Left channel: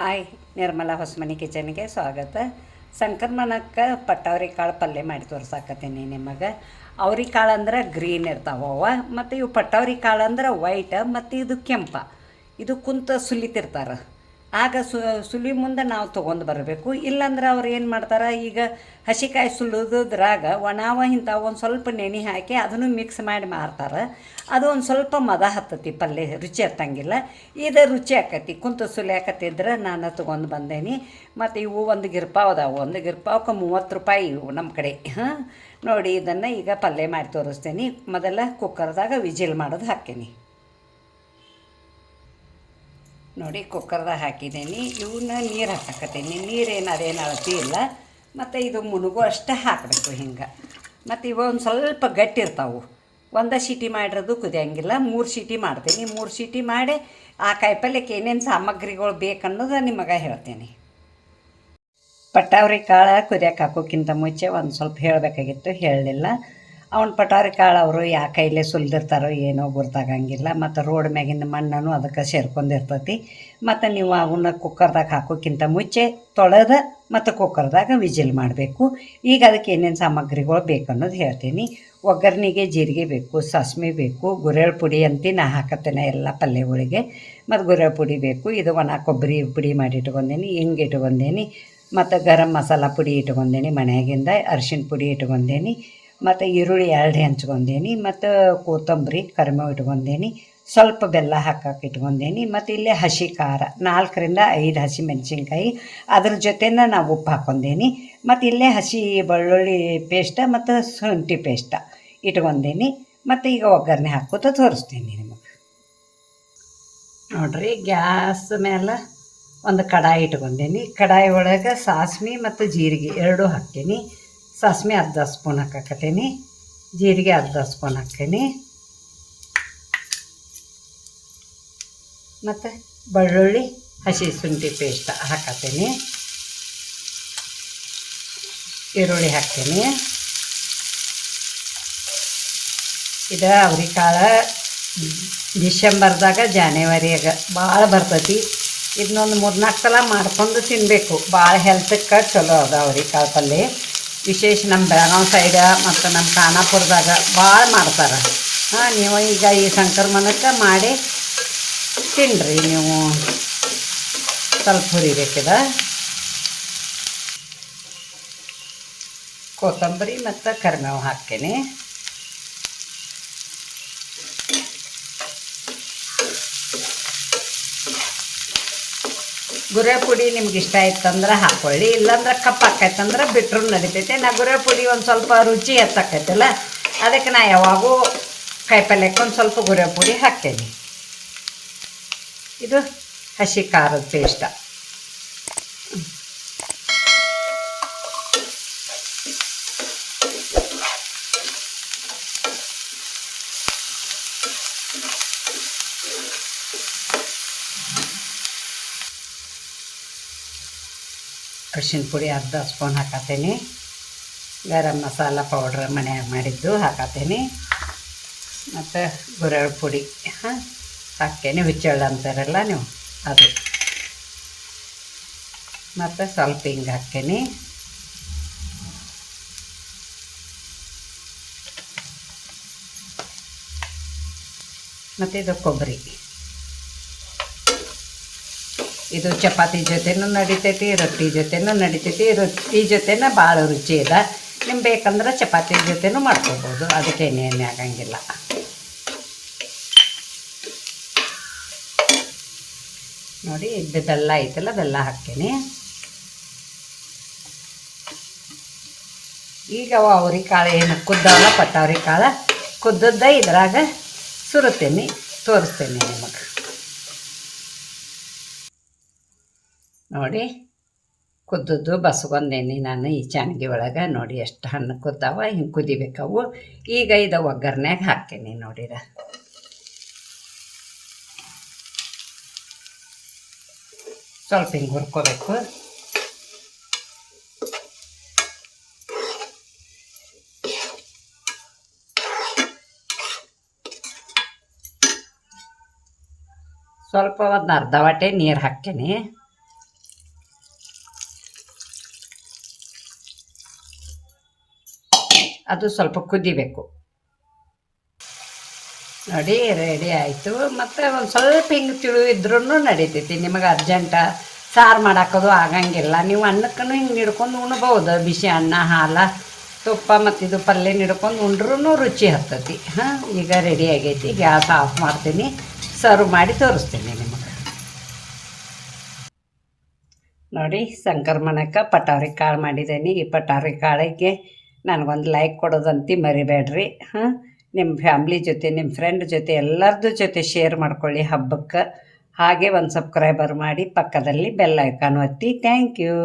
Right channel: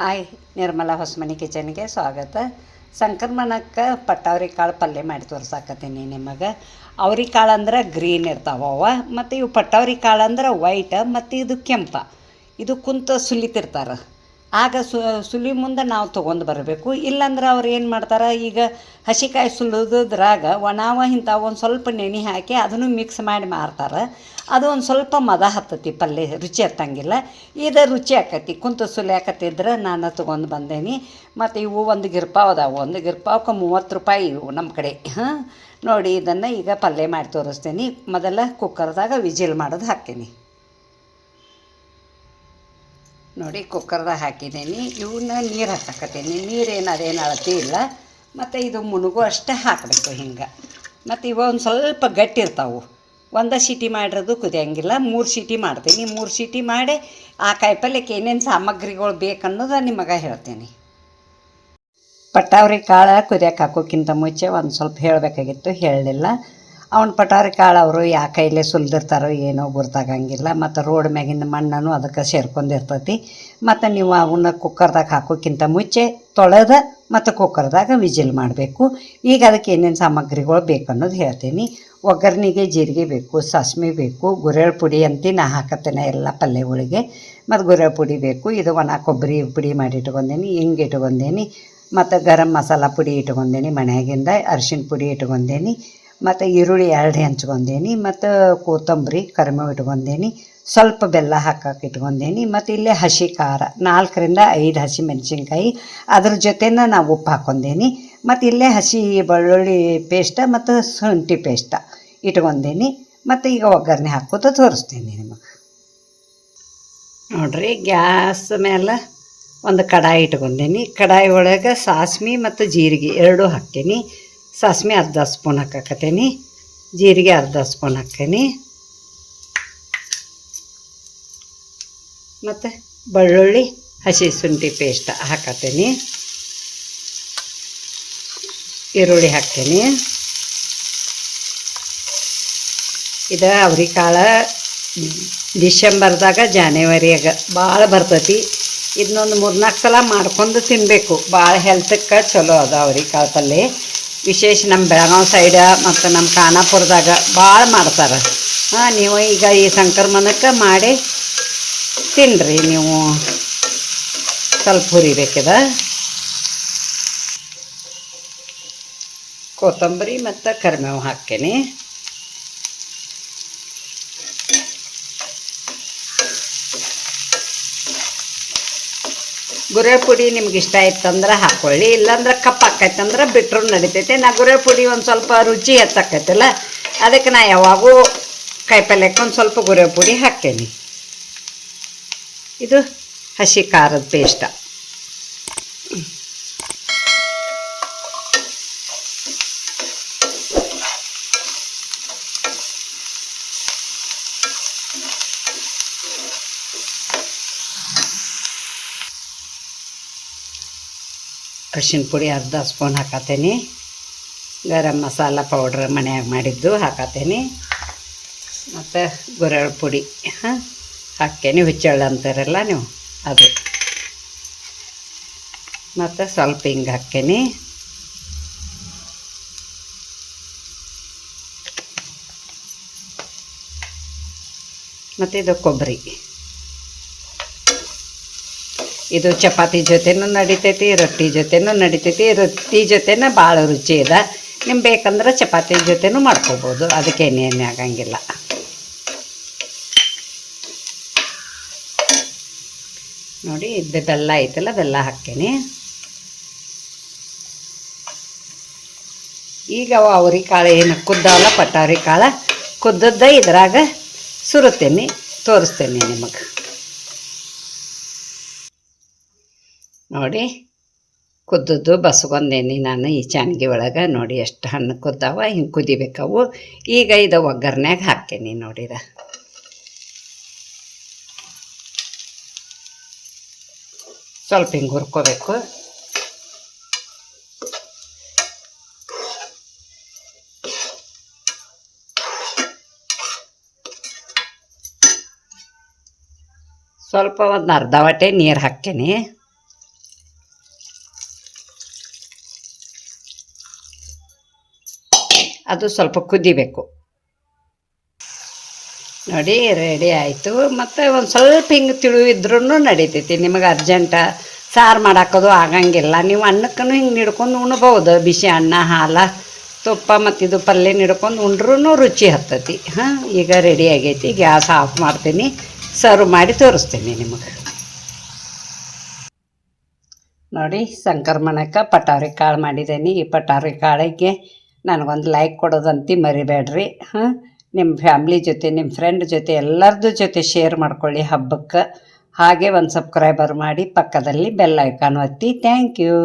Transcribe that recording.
Hi, Nirmala Hosamani ಕಿಚನ್ಗೆ ಸ್ವಾಗತ. ಸಂಕ್ರಮಣಕ್ಕೆ ಪಟ್ಟವ್ರಿ ಕಾಳು ಪಲ್ಯ ಮಾಡಿ ತೋರ್ಸಾಕತ್ತೀನಿ ನಿಮಗೆ. ಅವ್ರಿ ಕಾಳು ಅಂದ್ರೆ ಗ್ರೀನ್ ಇರ್ತಾವವ, ಮತ್ತು ಇವು ಪಟ್ಟವ್ರಿ ಕಾಳು ಅಂದ್ರೆ ವೈಟ್, ಮತ್ತು ಇದು ಕೆಂಪ. ಇದು ಕುಂತ ಸುಲಿತಿರ್ತಾರೆ. ಆಗ ಸುಲಿ ಮುಂದೆ ನಾವು ತೊಗೊಂಡು ಬರಬೇಕು. ಇಲ್ಲಾಂದ್ರೆ ಅವ್ರು ಏನು ಮಾಡ್ತಾರೆ, ಈಗ ಹಸಿಕಾಯಿ ಸುಲಿದ್ರಾಗ ಒಣವ ಇಂಥವು ಒಂದು ಸ್ವಲ್ಪ ನೆನೆ ಹಾಕಿ ಅದನ್ನು ಮಿಕ್ಸ್ ಮಾಡಿ ಮಾರ್ತಾರೆ. ಅದು ಒಂದು ಸ್ವಲ್ಪ ಮದ ಹತ್ತತಿ, ಪಲ್ಯ ರುಚಿ ಹತ್ತಂಗಿಲ್ಲ. ಇದು ರುಚಿ ಆಕತಿ. ಕುಂತು ಸುಲಿಯಾಕತ್ತಿದ್ರೆ ನಾನು ತೊಗೊಂಡು ಬಂದೇನಿ. ಮತ್ತು ಇವು ಒಂದು ಗಿರ್ಪಾವ್ ಅದಾವೆ. ಒಂದು ಗಿರ್ಪಾವ್ಗೆ 30 ರೂಪಾಯಿ ಇವು ನಮ್ಮ ಕಡೆ. ನೋಡಿ, ಇದನ್ನು ಈಗ ಪಲ್ಯ ಮಾಡಿ ತೋರಿಸ್ತೀನಿ. ಮೊದಲ ಕುಕ್ಕರ್ದಾಗ ವಿಜಿಲ್ ಮಾಡೋದು ಹಾಕ್ತೀನಿ. ನೋಡಿ, ಕುಕ್ಕರ್ದಾಗ ಹಾಕಿದ್ದೀನಿ. ಇವನ್ನ ನೀರು ಹಾಕಕತ್ತೀನಿ. ನೀರೇನು ಅದೇನು ಅಳತಿ ಇಲ್ಲ. ಮತ್ತು ಇದು ಮುನುಗು ಅಷ್ಟೇ ಹಾಕಬೇಕು ಹಿಂಗೆ. ಮತ್ತು ಇವು ಒಂದು ಸ್ವಲ್ಪ ಗಟ್ಟಿ ಇರ್ತಾವೆ. ಒಂದು ಸೀಟಿ ಮಾಡಿರೋದು ಕುದಿಯಂಗಿಲ್ಲ. 3 ಸೀಟಿ ಮಾಡ್ತೀನಿ. 3 ಸೀಟಿ ಮಾಡಿ ಆ ಕಾಯಿಪಲ್ಯಕ್ಕೆ ಏನೇನು ಸಾಮಗ್ರಿಗಳು ಬೇಕನ್ನೋದು ನಿಮಗೆ ಹೇಳ್ತೀನಿ. ಪಟ್ಟವ್ರಿ ಕಾಳು ಕುದಿಯಕ್ಕೆ ಹಾಕೋಕ್ಕಿಂತ ಮುಂಚೆ ಒಂದು ಸ್ವಲ್ಪ ಹೇಳಬೇಕಾಗಿತ್ತು, ಹೇಳಲಿಲ್ಲ. ಅವ್ನ ಪಟ್ಟವ್ರಿ ಕಾಳು ಅವರು ಯಾ ಕೈಲೇ ಸುಲಿದಿರ್ತಾರೋ ಏನೋ ಗೊತ್ತಾಗಂಗಿಲ್ಲ. ಮತ್ತು ರೋಡ್ ಮ್ಯಾಗಿನ ಮಣ್ಣನ್ನು ಅದಕ್ಕೆ ಸೇರ್ಕೊಂಡಿರ್ತೈತಿ. ಮತ್ತು ನೀವು ಅವನ್ನ ಕುಕ್ಕರ್ದಾಗ ಹಾಕೋಕ್ಕಿಂತ ಮುಂಚೆ ತೊಳೆದ ಮತ್ತು ಕುಕ್ಕರ್ದಾಗ ವಿಜಿಲ್ ಮಾಡಬೇಕು. ಈಗ ಅದಕ್ಕೆ ಏನೇನು ಸಾಮಗ್ರಿಗಳು ಬೇಕನ್ನೋದು ಹೇಳ್ತೀನಿ. ಒಗ್ಗರಣೆಗೆ ಜೀರಿಗೆ ಬೇಕು, ಸಾಸ್ಮೆ ಬೇಕು, ಗುರೆಳ್ ಪುಡಿ ಅಂತ ನಾ ಹಾಕತ್ತೇನೆ ಎಲ್ಲ ಪಲ್ಯಗಳಿಗೆ. ಮತ್ತು ಗುರೆಳ್ ಪುಡಿ ಬೇಕು. ಇದು ಒಣ ಕೊಬ್ಬರಿ ಪುಡಿ ಮಾಡಿ ಇಟ್ಕೊಂಡೇನಿ, ಹಿಂಗೆ ಇಟ್ಕೊಂಡೇನಿ. ಮತ್ತು ಗರಂ ಮಸಾಲ ಪುಡಿ ಇಟ್ಕೊಂಡೇನಿ ಮನೆಯಾಗಿಂದ. ಅರಿಶಿನ ಪುಡಿ ಇಟ್ಕೊಂಡೇನಿ. ಮತ್ತು ಈರುಳ್ಳಿ 2 ಹೆಂಚ್ಕೊಂಡೇನಿ. ಮತ್ತು ಕೊತ್ತಂಬರಿ ಕರಿಬೇವು ಇಟ್ಕೊಂಡೇನಿ. ಸ್ವಲ್ಪ ಬೆಲ್ಲ ಹಾಕಕ್ಕೆ ಇಟ್ಕೊಂಡೇನಿ. ಮತ್ತು ಇಲ್ಲೇ ಹಸಿ ಖಾರ 4 ರಿಂದ 5 ಹಸಿ ಮೆಣಸಿನ್ಕಾಯಿ, ಅದ್ರ ಜೊತೆನ ನಾವು ಉಪ್ಪು ಹಾಕ್ಕೊಂಡೇನಿ. ಮತ್ತು ಇಲ್ಲೇ ಹಸಿ ಬೆಳ್ಳುಳ್ಳಿ ಪೇಸ್ಟ್ ಮತ್ತು ಶುಂಠಿ ಪೇಸ್ಟ್ ಇಟ್ಕೊಂಡೇನಿ. ಮತ್ತು ಈಗ ಒಗ್ಗರಣೆ ಹಾಕೋತ ತೋರಿಸ್ತೀನಿ ನಿಮಗೆ. ನೋಡಿರಿ, ಗ್ಯಾಸ್ ಮೇಲೆ ಒಂದು ಕಡಾಯಿ ಇಟ್ಕೊಂಡೇನಿ. ಕಡಾಯಿ ಒಳಗೆ ಸಾಸ್ಮೆ ಮತ್ತು ಜೀರಿಗೆ 2 ಹಾಕ್ತೀನಿ. ಸಾಸ್ಮೆ ಅರ್ಧ ಸ್ಪೂನ್ ಹಾಕಕತ್ತೀನಿ. ಜೀರಿಗೆ ಅರ್ಧ ಸ್ಪೂನ್ ಹಾಕ್ತೀನಿ. ಮತ್ತು ಬೆಳ್ಳುಳ್ಳಿ ಹಸಿ ಶುಂಠಿ ಪೇಸ್ಟ್ ಹಾಕತ್ತೀನಿ. ಈರುಳ್ಳಿ ಹಾಕ್ತೀನಿ. ಇದು ಅವ್ರಿಕಾಳು ಡಿಸೆಂಬರ್ದಾಗ ಜಾನ್ವರಿಯಾಗ ಭಾಳ ಬರ್ತೈತಿ. ಇದನ್ನೊಂದು 3-4 ಸಲ ಮಾಡ್ಕೊಂಡು ತಿನ್ನಬೇಕು. ಭಾಳ ಹೆಲ್ತಕ್ಕೆ ಚಲೋ ಅದ ಅವ್ರಿಕಾಳು ಪಲ್ಯ. ವಿಶೇಷ ನಮ್ಮ ಬೆಳಗಾವಿ ಸೈಡ ಮತ್ತು ನಮ್ಮ ಖಾನಾಪುರದಾಗ ಭಾಳ ಮಾಡ್ತಾರೆ. ನೀವು ಈಗ ಈ ಸಂಕ್ರಮಣಕ್ಕೆ ಮಾಡಿ ತಿನ್ನಿರಿ. ನೀವು ಸ್ವಲ್ಪ ಹುರಿಬೇಕಿದೆ. ಕೊತ್ತಂಬರಿ ಮತ್ತು ಕರಿಬೇವು ಹಾಕ್ತೀನಿ. ಗುರೆ ಪುಡಿ ನಿಮ್ಗೆ ಇಷ್ಟ ಇತ್ತಂದ್ರೆ ಹಾಕ್ಕೊಳ್ಳಿ, ಇಲ್ಲಾಂದ್ರೆ ಕಪ್ಪು ಆಕೈತಂದ್ರೆ ಬಿಟ್ಟರು ನಡಿತೈತೆ. ನಾ ಗುರೆ ಪುಡಿ ಒಂದು ಸ್ವಲ್ಪ ರುಚಿ ಹೆಚ್ಚಾಕೈತಲ್ಲ, ಅದಕ್ಕೆ ನಾ ಯಾವಾಗೂ ಕಾಯಿಪಲ್ಯಕ್ಕೆ ಒಂದು ಸ್ವಲ್ಪ ಗುರೆ ಪುಡಿ ಹಾಕ್ತೇನೆ. ಇದು ಹಸಿ ಖಾರದ ಪೇಸ್ಟ. ಅರಿಶಿನ ಪುಡಿ ಅರ್ಧ ಸ್ಪೂನ್ ಹಾಕತ್ತೀನಿ. ಗರಂ ಮಸಾಲ ಪೌಡ್ರ್ ಮನ್ಯಾಗ ಮಾಡಿದ್ದು ಹಾಕತ್ತೀನಿ. ಮತ್ತು ಗುರೆಳ್ ಪುಡಿ ಹಾಕ್ತೇನೆ. ಹುಚ್ಚೆಳ್ಳು ಅಂತಾರಲ್ಲ ನೀವು, ಅದು. ಮತ್ತು ಸ್ವಲ್ಪ ಹಿಂಗೆ ಹಾಕ್ತೇನೆ. ಮತ್ತು ಇದು ಕೊಬ್ಬರಿ. ಇದು ಚಪಾತಿ ಜೊತೆನೂ ನಡಿತೈತಿ, ರೊಟ್ಟಿ ಜೊತೆನೂ ನಡಿತೈತಿ. ರೊಟ್ಟಿ ಜೊತೆನ ಭಾಳ ರುಚಿ ಇದೆ. ನಿಮ್ಗೆ ಬೇಕಂದ್ರೆ ಚಪಾತಿ ಜೊತೆನೂ ಮಾಡ್ಕೋಬೋದು, ಅದಕ್ಕೇನೇನು ಆಗಂಗಿಲ್ಲ. ನೋಡಿ, ಇದು ಬೆಲ್ಲ ಐತಲ್ಲ, ಬೆಲ್ಲ ಹಾಕ್ತೀನಿ. ಈಗ ಅವ್ರಿಕಾಳು ಏನು ಕುದ್ದಾವಲ್ಲ, ಪಟ್ಟವ್ರಿ ಕಾಳು ಕುದ್ದದ್ದ ಇದ್ರಾಗ ಸುರುತ್ತೇನೆ, ತೋರಿಸ್ತೇನೆ ನಿಮಗೆ. ನೋಡಿ, ಕುದ್ದದ್ದು ಬಸ್ಕೊಂಡೇನಿ ನಾನು ಈ ಚಾನ್ಗಿ ಒಳಗೆ. ನೋಡಿ ಎಷ್ಟು ಹಣ್ಣು ಕುದ್ದಾವ, ಹಿಂಗೆ ಕುದಿಬೇಕವು. ಈಗ ಇದು ಒಗ್ಗರ್ನ್ಯಾಗ ಹಾಕ್ತೀನಿ. ನೋಡಿರ, ಸ್ವಲ್ಪ ಹಿಂಗೆ ಹುರ್ಕೋಬೇಕು. ಸ್ವಲ್ಪ ಒಂದು ಅರ್ಧ ವಾಟೆ ನೀರು ಹಾಕ್ತೀನಿ. ಅದು ಸ್ವಲ್ಪ ಕುದಿಬೇಕು. ನೋಡಿ ರೆಡಿ ಆಯಿತು. ಮತ್ತು ಒಂದು ಸ್ವಲ್ಪ ಹಿಂಗೆ ತಿಳಿವಿದ್ರೂ ನಡೀತೈತಿ. ನಿಮಗೆ ಅರ್ಜೆಂಟ ಸಾರು ಮಾಡಾಕೋದು ಆಗಂಗಿಲ್ಲ, ನೀವು ಅನ್ನಕ್ಕೂ ಹಿಂಗೆ ಹಿಡ್ಕೊಂಡು ಉಣ್ಬೋದು. ಬಿಸಿ ಅನ್ನ ಹಾಲು ತುಪ್ಪ ಮತ್ತು ಇದು ಪಲ್ಯ ಹಿಡ್ಕೊಂಡು ಉಂಡ್ರೂ ರುಚಿ ಹತ್ತತಿ. ಹಾಂ, ಈಗ ರೆಡಿ ಆಗೈತಿ. ಗ್ಯಾಸ್ ಆಫ್ ಮಾಡ್ತೀನಿ, ಸರ್ವ್ ಮಾಡಿ ತೋರಿಸ್ತೀನಿ ನಿಮಗೆ. ನೋಡಿ ಸಂಕ್ರಮಣಕ್ಕೆ ಪಟಾರಿ ಕಾಳು ಮಾಡಿದ್ದೀನಿ. ಈ ಪಟಾರಿ ಕಾಳಿಗೆ ನನಗೊಂದು ಲೈಕ್ ಕೊಡೋದಂತ ಮರಿಬೇಡ್ರಿ. ಹಾಂ, ನಿಮ್ಮ ಫ್ಯಾಮ್ಲಿ ಜೊತೆ ನಿಮ್ಮ ಫ್ರೆಂಡ್ ಜೊತೆ ಎಲ್ಲರದ್ದು ಜೊತೆ ಶೇರ್ ಮಾಡ್ಕೊಳ್ಳಿ ಹಬ್ಬಕ್ಕೆ. ಹಾಗೆ ಒಂದು ಸಬ್ಸ್ಕ್ರೈಬರ್ ಮಾಡಿ, ಪಕ್ಕದಲ್ಲಿ ಬೆಲ್ ಐಕಾನ್ ಒತ್ತಿ. Thank you.